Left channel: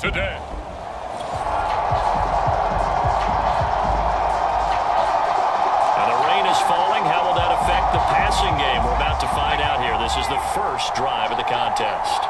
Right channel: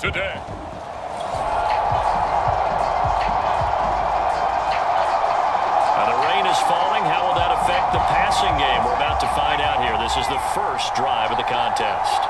today. And the rain is falling. How will that affect the passing game? We're about to find out here. This is the first drive of the contest.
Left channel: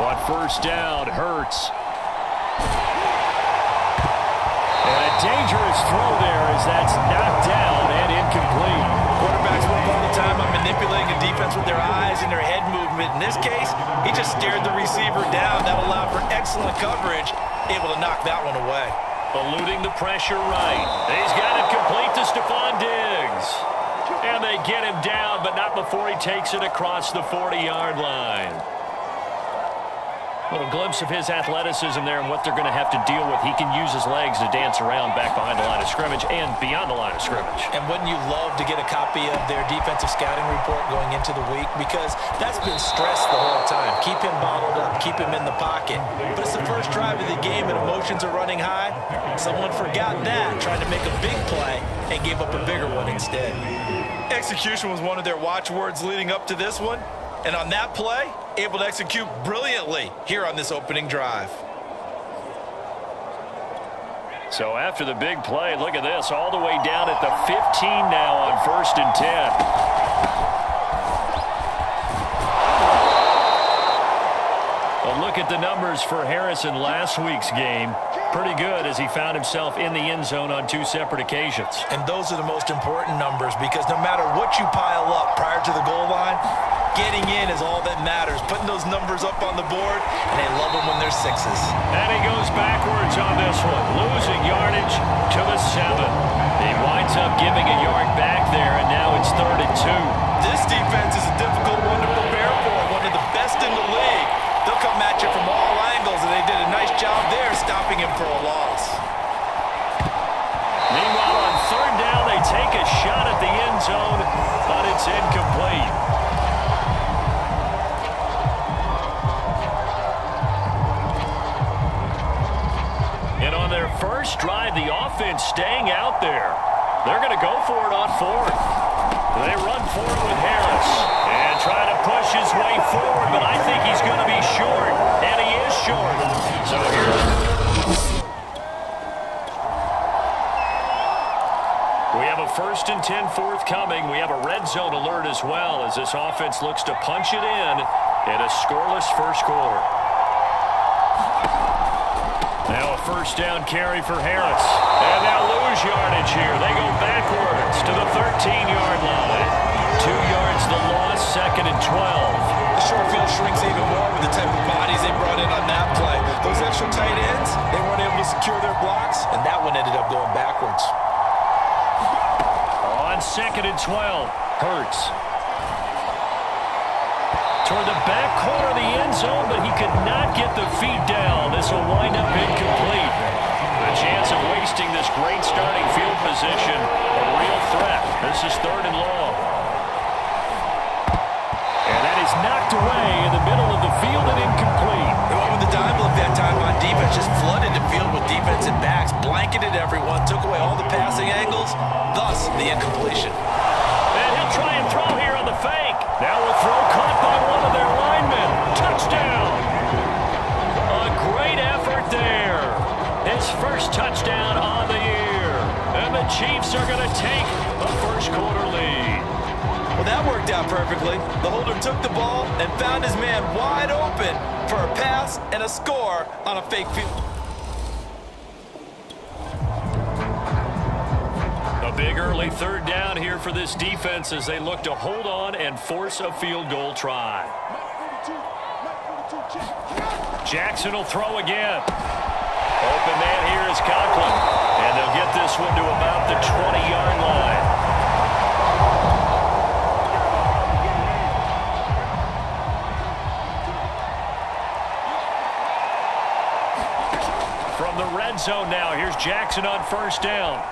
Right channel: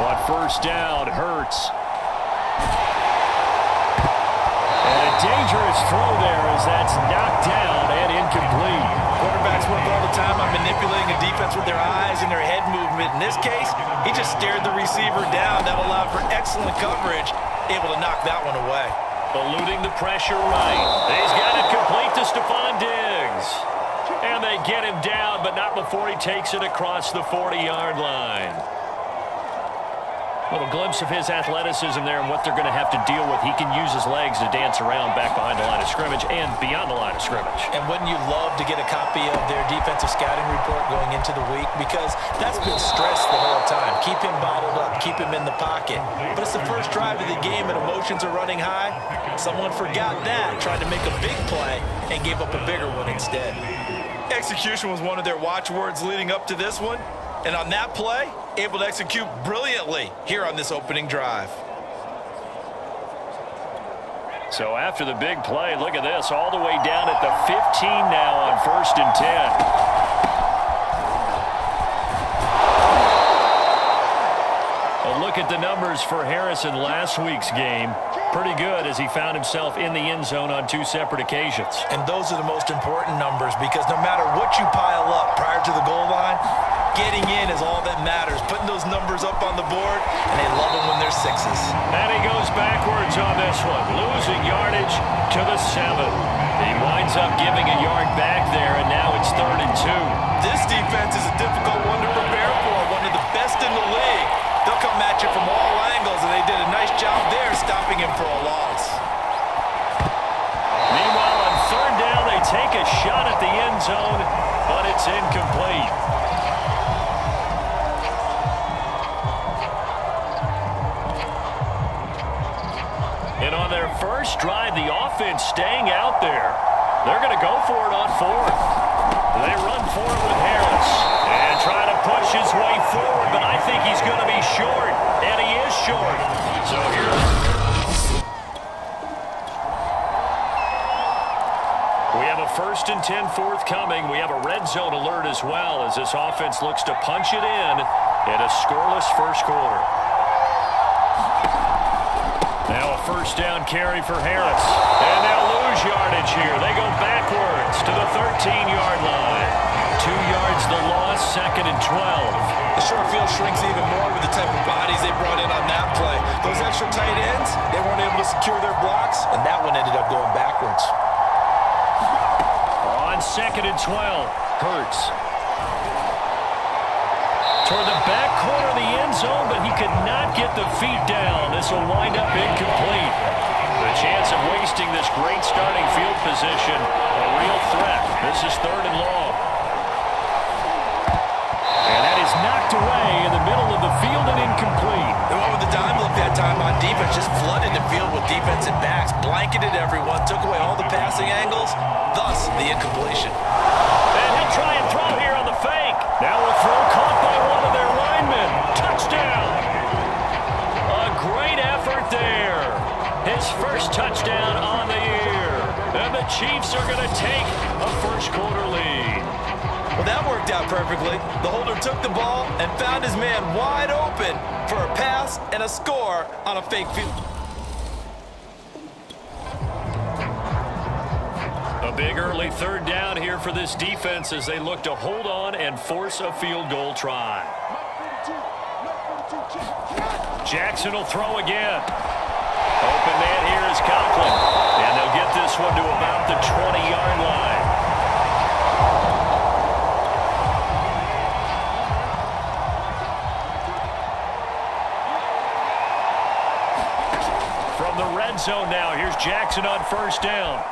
On first down, Hurts. And a dangerous throw there as that's knocked down and incomplete. Quarterbacks work all the time on manipulating a defense with their eyes and their head movement. In this case, he just stared the receiver down. That allowed for excellent coverage, able to knock that one away. Eluding the pressure right. He's got it complete to Stephon Diggs. And they get him down, but not before he takes it across the 40-yard line. Little glimpse of his athleticism there and what they're going to have to deal with. He can use his legs to dance around back behind the line of scrimmage and beyond the line of scrimmage. And wouldn't you love to get a copy of their defensive scouting report going into the week? Because that's been stressed the whole time. Keep him bottled up. Keep him in the pocket. But it's the first drive of the game and emotions are running high. Someone forgot that, tried to make a big play and gave up a bigger one instead. Execution was one of their watchwords leading up to this one. And on that play, able to execute brilliantly here on this opening drive. So after the big play, look at this, all the way down at the 15 now on 1st and 10. A look at the numbers for Harris in last week's game. Pretty good as he found himself in the end zone on 2 separate occasions. And those are the most important numbers because no matter what you pile up prior to the goal line, getting in is all that matters. Putting those numbers up on the board, and they love them when they're 6s. And he goes backwards on this one, losing yardage to the 7. He winds up giving a yard back there, and now it's 3rd and 2. This defense is a difficult one to prepare for, one of the best in the league. They'll come at you from all angles, and they did a nice job there stopping him for a loss. Meanwhile, on 3rd down, they take a shot at the end zone, but it's incomplete. And on their first drive, the offense staying out there. They're going to go for it on 4th. They run for it with Harris and try to push his way forward, but I think he's going to be short, and he is short. So here we have a 1st and 10 forthcoming. We have a red zone alert as well as this offense looks to punch it in a scoreless first quarter. Now a 1st down carry for Harris. And they'll lose yardage here. They go backwards to the 13-yard line. 2 yards the loss, 2nd and 12. The short field shrinks even more with the type of bodies they brought in on that play. Those extra tight ends, they weren't able to secure their blocks, and that one ended up going backwards. On 2nd and 12, Hurts. Toward the back corner of the end zone, but he could not get the feet down. This will wind up incomplete. The chance of wasting this great starting field position, a real threat. This is 3rd and long. And that is knocked away in the middle of the field and incomplete. They went with the dime look that time on defense, just flooded the field with defensive backs, blanketed everyone, took away all the passing angles, thus the incompletion. And he'll try and throw here on the fake. Now a throw caught by one of their linemen. Touchdown. A great effort there. His first touchdown on the year. And the Chiefs are going to take a first quarter lead. Well, that worked out perfectly. The holder took the ball and found his man wide open for a pass and a score on a fake field. A big early 3rd down here for this defense as they look to hold on and force a field goal try. Jackson will throw again. Open man here is Conklin. And they'll get this one to about the 20-yard line. From the red zone now, here's Jackson on 1st down.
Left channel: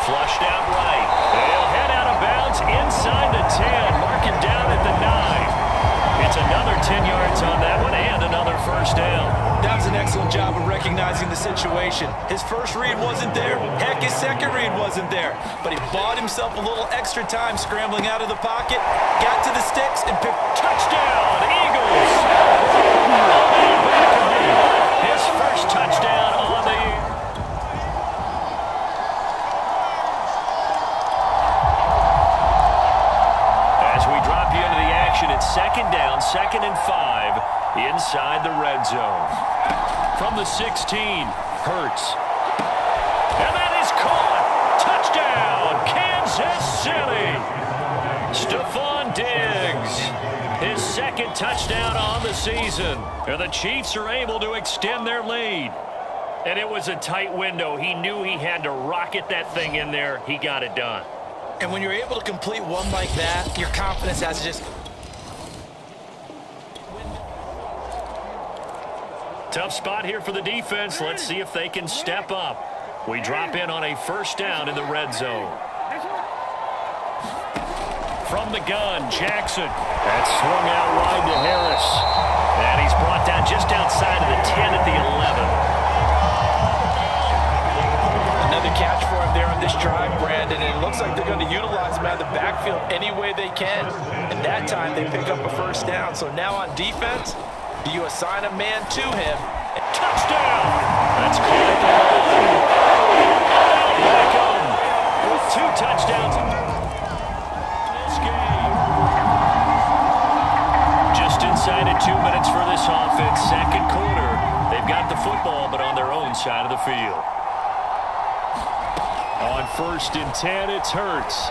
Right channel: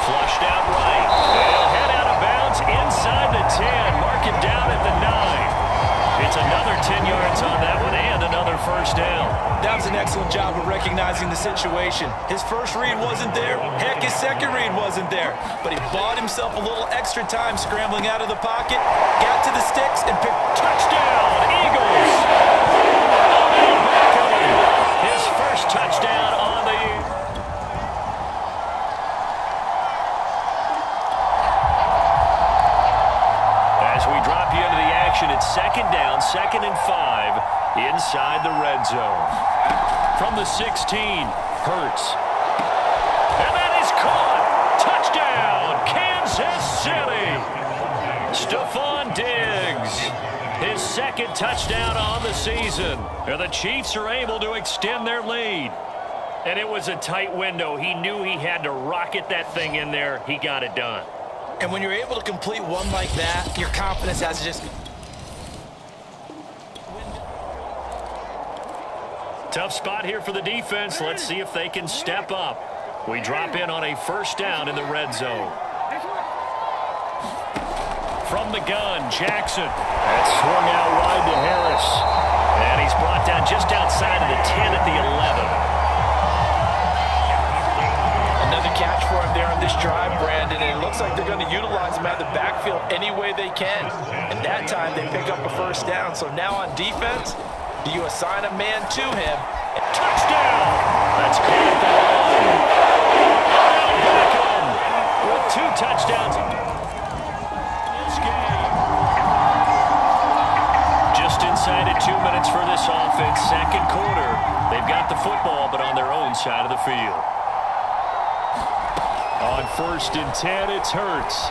Flushed out right. They'll head out of bounds inside the 10. Mark him down at the 9. It's another 10 yards on that one and another 1st down. That was an excellent job of recognizing the situation. His first read wasn't there. Heck, his second read wasn't there. But he bought himself a little extra time scrambling out of the pocket, got to the sticks, and picked. Touchdown, Eagles! His first touchdown on the year. As we drop you into the action, it's second down, 2nd and 5 inside the red zone. From the 16, Hurts. And that is caught. Touchdown, Kansas City. Stephon Diggs, his 2nd touchdown on the season. And the Chiefs are able to extend their lead. And it was a tight window. He knew he had to rocket that thing in there. He got it done. And when you're able to complete one like that, your confidence has to just... Tough spot here for the defense. Let's see if they can step up. We drop in on a first down in the red zone. From the gun, Jackson. That's swung out wide to Harris. And he's brought down just outside of the 10 at the 11. Another catch for him there on this drive, Brandon, and it looks like they're going to utilize him out of the backfield any way they can. And that time they pick up a first down. So now on defense, do you assign a man to him? Touchdown! That's caught at the 1. Odell Beckham with 2 touchdowns in this game. Just inside of 2 minutes for this offense. Second quarter. They've got the football, but on their own side of the field. On 1st and 10, it's Hurts.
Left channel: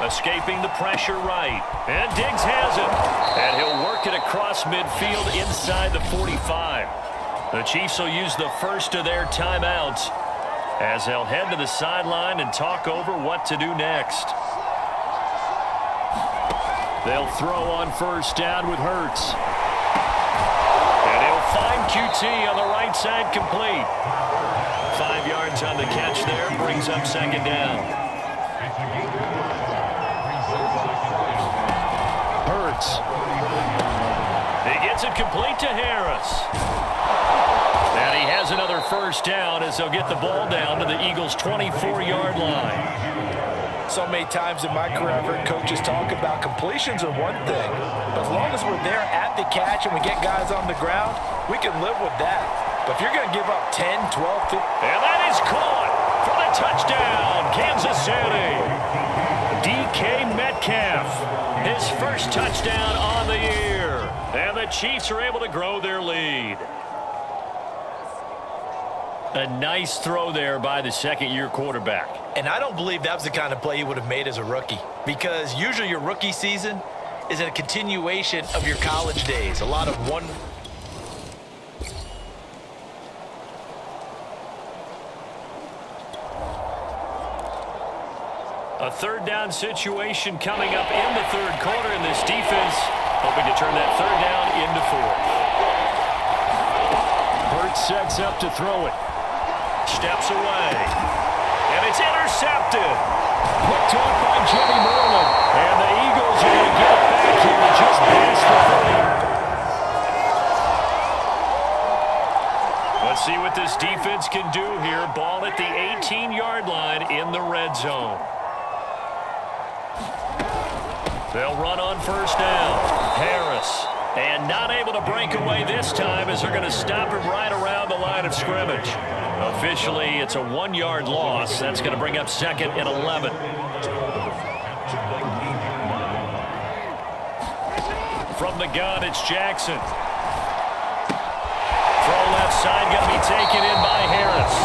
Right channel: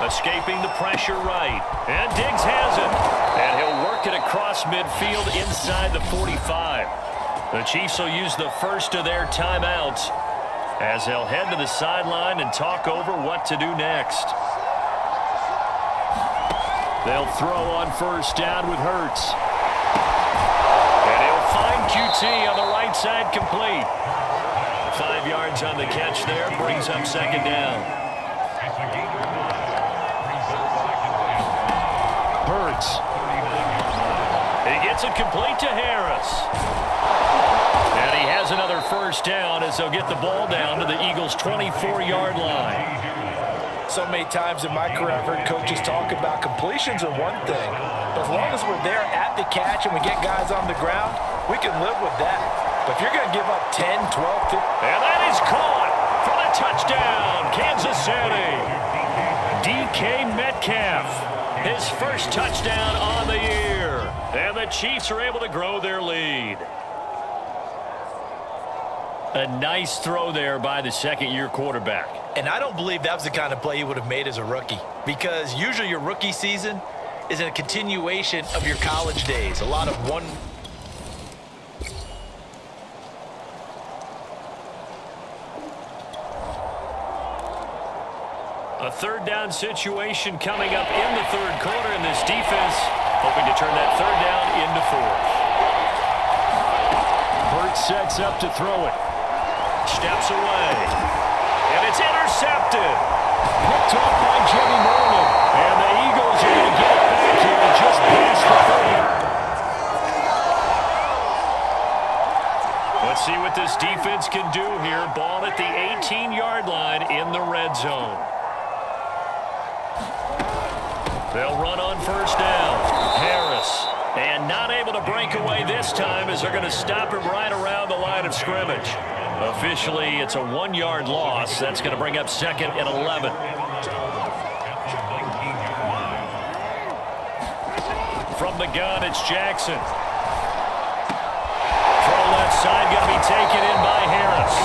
Escaping the pressure right. And Diggs has it. And he'll work it across midfield inside the 45. The Chiefs will use the first of their timeouts as they'll head to the sideline and talk over what to do next. They'll throw on first down with Hurts. And he'll find QT on the right side, complete. 5 yards on the catch there, brings up second down. Hurts. He gets it complete to Harris. And he has another first down as they'll get the ball down to the Eagles' 24-yard line. So many times in my career I've heard coaches talk about completions are one thing, but as long as we're there at the catch and we get guys on the ground, we can live with that. But if you're going to give up 10, 12, 15... And that is caught for the touchdown, Kansas City. DK Metcalf, his first touchdown on the year. And the Chiefs are able to grow their lead. A nice throw there by the second-year quarterback. And I don't believe that was the kind of play he would have made as a rookie, because usually your rookie season is a continuation of your college days. A lot of one... A third down situation coming up in the third quarter, and this defense hoping to turn that third down into 4th. Hurts sets up to throw it. Steps away. And it's intercepted. Picked off by Jimmy Moreland. And the Eagles are going to get it back here just past the 30. Let's see what this defense can do here. Ball at the 18-yard line in the red zone. They'll run on first down. Harris. And not able to break away this time as they're going to stop him right around the line of scrimmage. Officially, it's a 1-yard loss. That's going to bring up 2nd and 11. From the gun, it's Jackson. Throw left side, going to be taken in by Harris.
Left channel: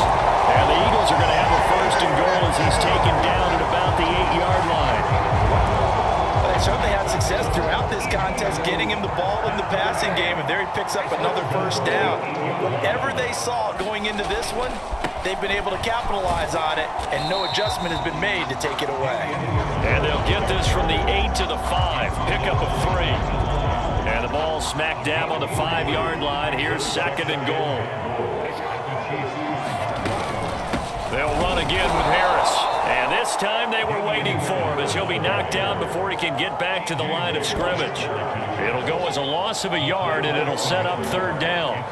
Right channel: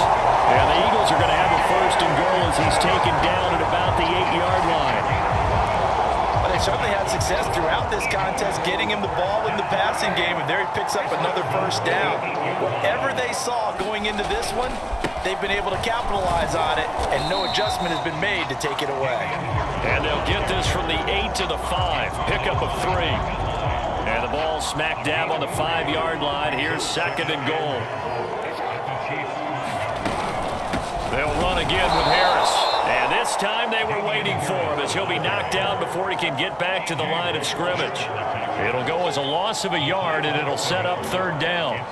And the Eagles are going to have a 1st and goal as he's taken down at about the 8-yard line. Well, they certainly had success throughout this contest getting him the ball in the passing game, and there he picks up another first down. Whatever they saw going into this one, they've been able to capitalize on it, and no adjustment has been made to take it away. And they'll get this from the 8 to the 5. Pickup of 3. And the ball smack dab on the 5-yard line. Here's 2nd and goal. They'll run again with Harris. And this time they were waiting for him as he'll be knocked down before he can get back to the line of scrimmage. It'll go as a loss of a yard, and it'll set up third down.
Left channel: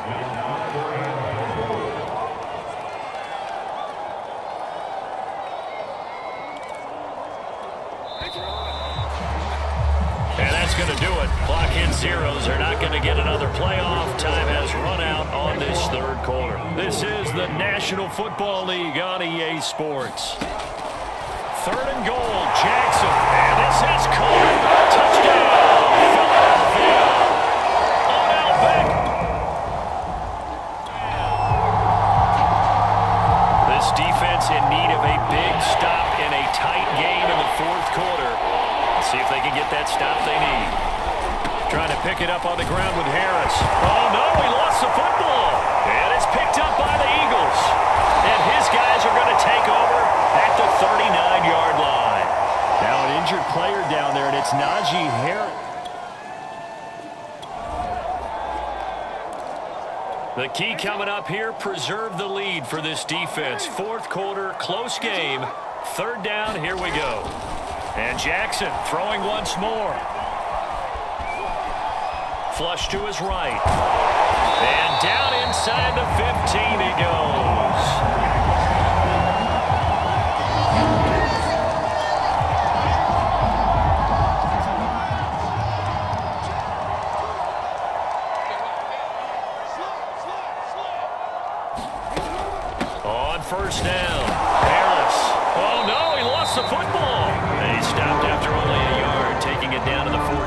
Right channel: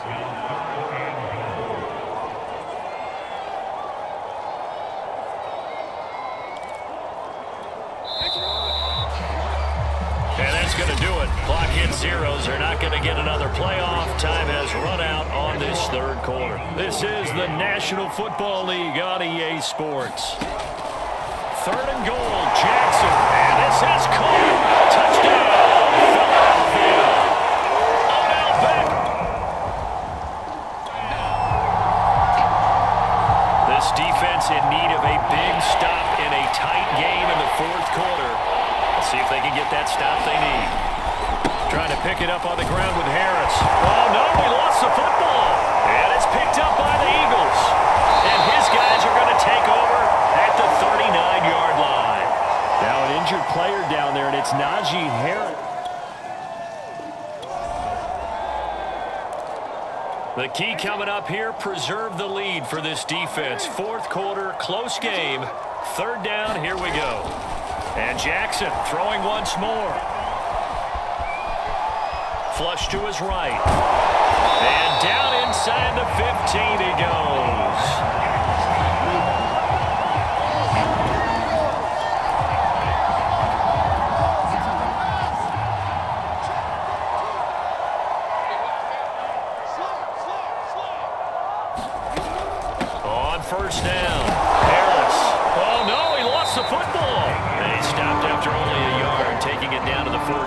And that's going to do it. Clock hits zeros. They're not going to get another playoff. Time has run out on this third quarter. This is the National Football League on EA Sports. Third and goal, Jackson. And this is caught. Touchdown, Philadelphia. Odell Beckham. This defense in need of a big stop in a tight game in the fourth quarter. Let's see if they can get that stop they need. Trying to pick it up on the ground with Harris. Oh, no, he lost the football. And it's picked up by the Eagles. And his guys are going to take over at the 39-yard line. Now an injured player down there, and it's Najee Harris. The key coming up here, preserve the lead for this defense. Fourth quarter, close game. Third down, here we go. And Jackson throwing once more. Flush to his right. And down inside the 15 he goes. On first down, Harris. Oh, no, he lost the football. And he stopped after only a yard, taking it down to the 14.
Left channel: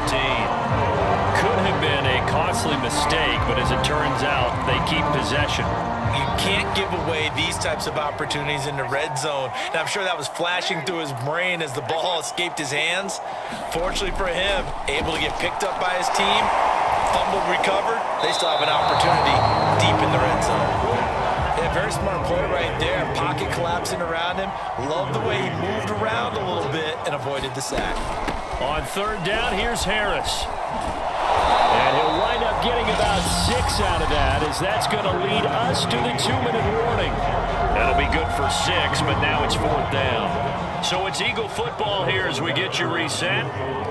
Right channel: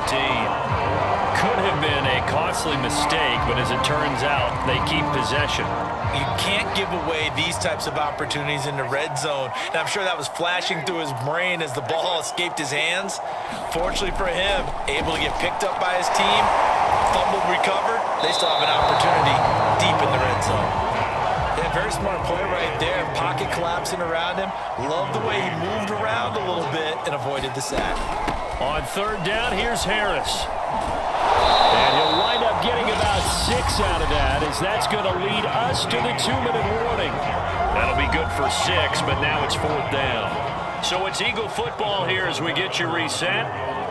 Could have been a costly mistake, but as it turns out, they keep possession. You can't give away these types of opportunities in the red zone. And I'm sure that was flashing through his brain as the ball escaped his hands. Fortunately for him, able to get picked up by his team, fumble recovered. They still have an opportunity deep in the red zone. Yeah, very smart play right there. Pocket collapsing around him. Love the way he moved around a little bit and avoided the sack. On third down, here's Harris. And he'll wind up getting about 6 out of that, as that's going to lead us to the 2-minute warning. That'll be good for 6, but now it's fourth down. So it's Eagle football here as we get you reset.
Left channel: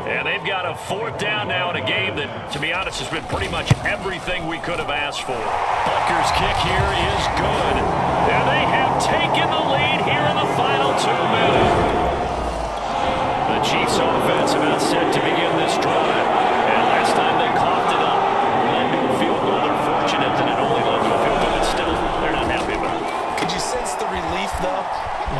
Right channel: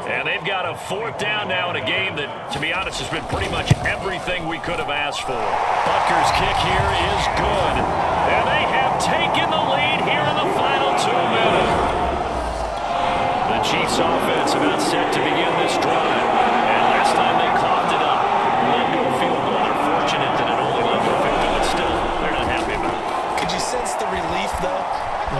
And they've got a fourth down now in a game that, to be honest, has been pretty much everything we could have asked for. Butker's kick here is good. And they have taken the lead here in the final 2 minutes. The Chiefs offense about set to begin this drive. And last time they coughed it up, led to a field goal. They're fortunate that it only led to a field goal, but still, they're not happy about it. Could you sense the relief, though,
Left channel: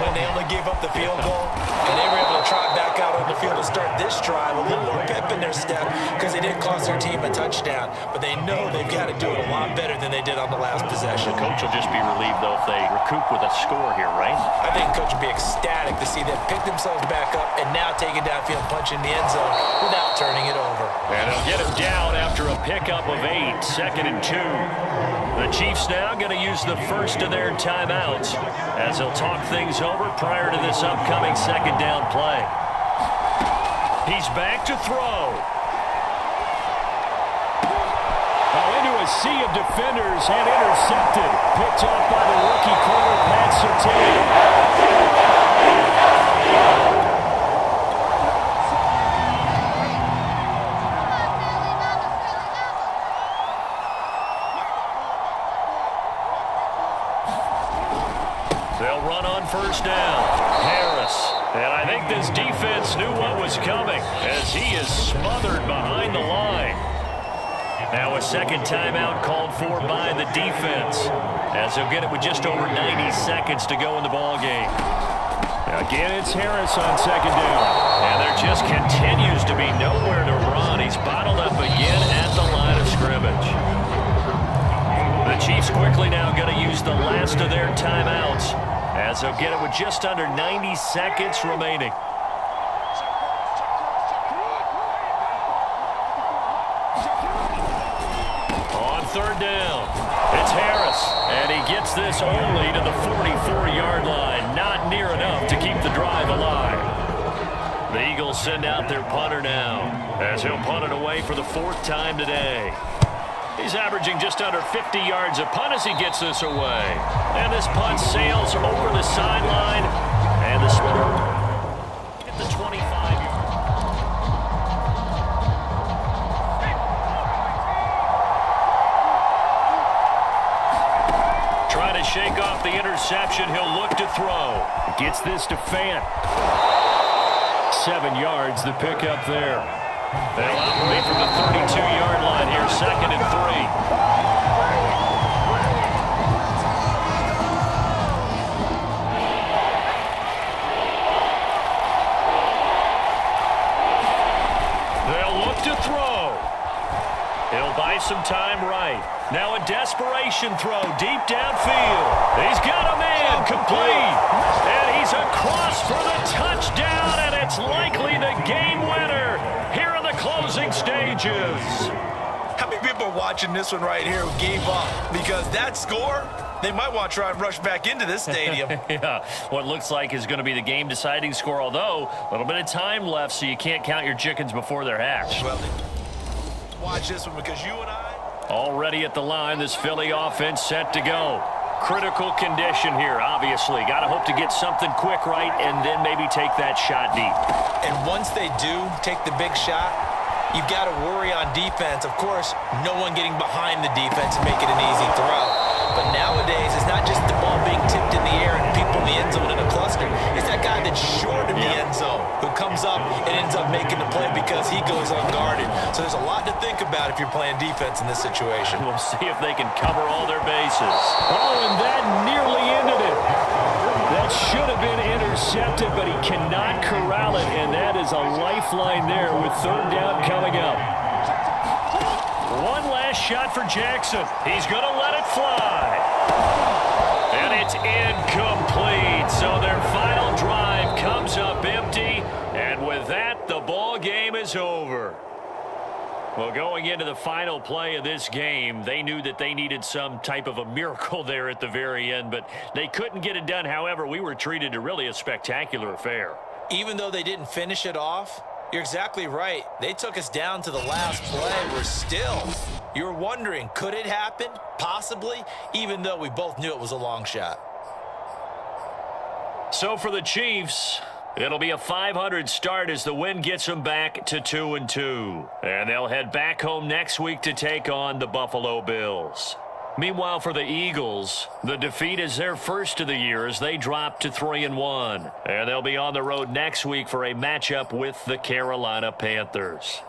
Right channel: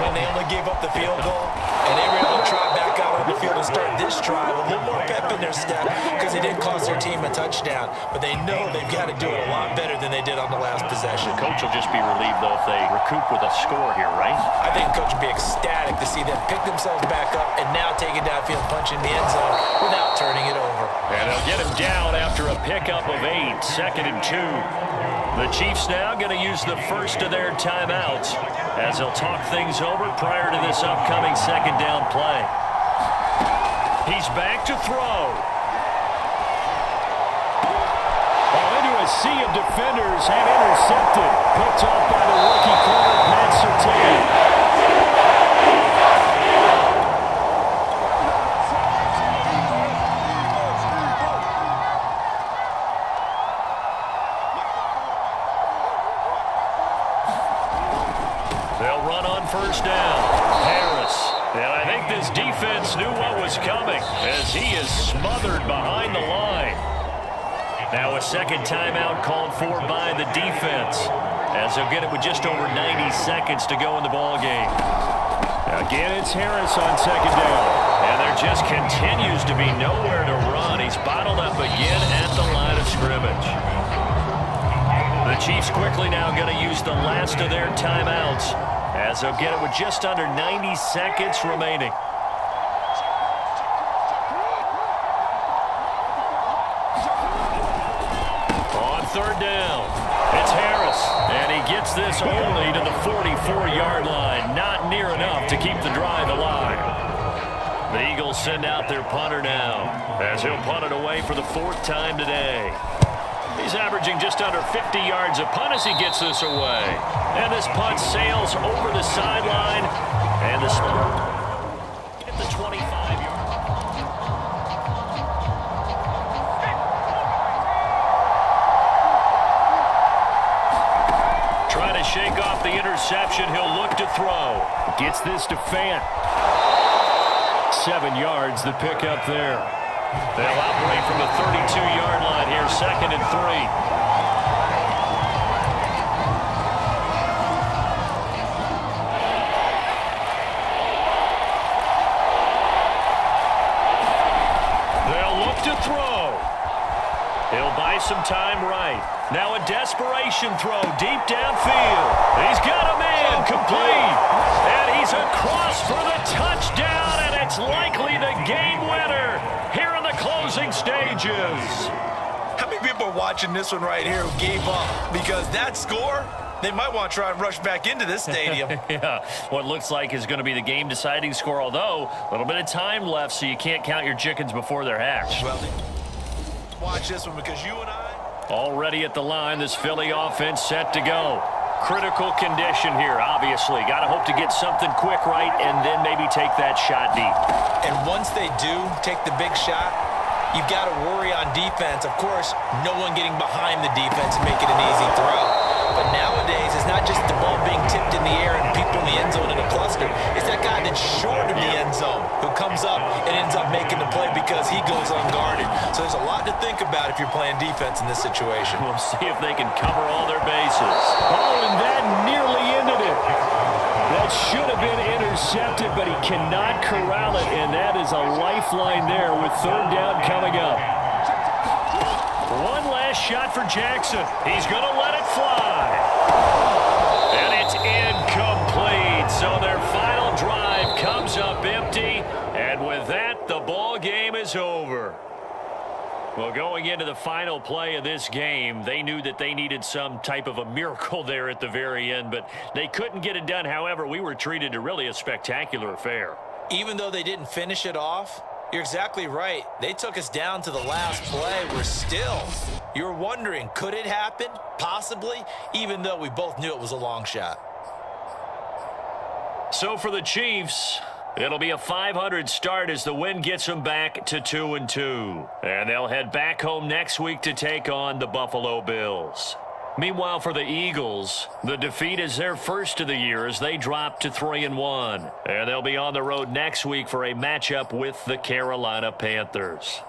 when they only gave up the field goal and they were able to trot back out on the field and start this drive? A little more pep in their step because they did cost their team a touchdown, but they know they've got to do it a lot better than they did on the last possession. The coach will just be relieved, though, if they recoup with a score here, right? I think the coach would be ecstatic to see them pick themselves back up and now take it downfield, punch in the end zone without turning it over. And they'll get him down after a pickup of 8, 2nd and 2. The Chiefs now going to use the first of their timeouts as they'll talk things over prior to this upcoming second down play. He's back to throw. Oh, into a sea of defenders and intercepted. Picked off by the rookie corner, Pat Surtain. They'll run on first down. Harris. And I think this defense knew what was coming as he is smothered behind the line. Now a second timeout called for by the defense as they'll get it with just over 90 seconds to go in the ball game. Again, it's Harris on second down. And there just continues to be nowhere to run. He's bottled up again at the line of scrimmage. The Chiefs quickly now going to use the last of their timeouts as they'll get it with just under 90 seconds remaining. On third down, it's Harris, and he gets this only to the 44-yard line. Not near enough to keep the drive alive. The Eagles send out their punter now as he'll punt it away for the 4th time today. He's averaging just under 50 yards a punt as he gets this away. And this punt sails over the sideline. And this at the 25-yard. Trying to shake off the interception. He'll look to throw. Gets this to Fant. 7 yards, the pickup there. They'll operate from the 32-yard line here, 2nd and 3. They'll look to throw. He'll buy some time right. Now a desperation throw deep downfield. He's got a man complete. And he's across for the touchdown, and it's likely the game winner here in the closing stages. How many people are watching this one right here who gave up? Because that score, they might want to try and rush back into this stadium. Yeah, what looks like is going to be the game-deciding score, although a little bit of time left, so you can't count your chickens before they're hatched. Well, watch this one because you and I... Already at the line, this Philly offense set to go. Critical condition here, obviously. Got to hope to get something quick right and then maybe take that shot deep. And once they do take the big shot, you've got to worry on defense. Of course, no one getting behind the defense and make it an easy throw. But nowadays, it's not just the ball being tipped in the air and people in the end zone in a cluster. It's that guy that's short of the end zone who comes up and ends up making the play because he goes unguarded. So there's a lot to think about if you're playing defense in this situation. We'll see if they can cover all their bases. Oh, and that nearly ended it. That should have been intercepted, but he cannot corral it, and that is a lifeline there with 3rd down coming up. One last shot for Jackson. He's going to let it fly. And it's incomplete. So their final drive comes up empty, and with that, the ball game is over. Well, going into the final play of this game, they knew that they needed some type of a miracle there at the very end, but they couldn't get it done. However, we were treated to really a spectacular affair. Even though they didn't finish it off, you're exactly right. They took us down to the last play. We're still. You're wondering, could it happen? Possibly, even though we both knew it was a long shot. So for the Chiefs, it'll be a 500 start as the win gets them back to 2-2. And they'll head back home next week to take on the Buffalo Bills. Meanwhile, for the Eagles, the defeat is their first of the year as they drop to 3-1. And they'll be on the road next week for a matchup with the Carolina Panthers.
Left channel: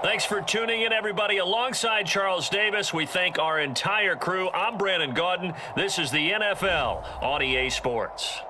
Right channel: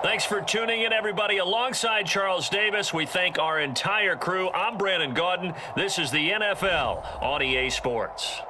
Thanks for tuning in, everybody. Alongside Charles Davis, we thank our entire crew. I'm Brandon Gaudin. This is the NFL on EA Sports.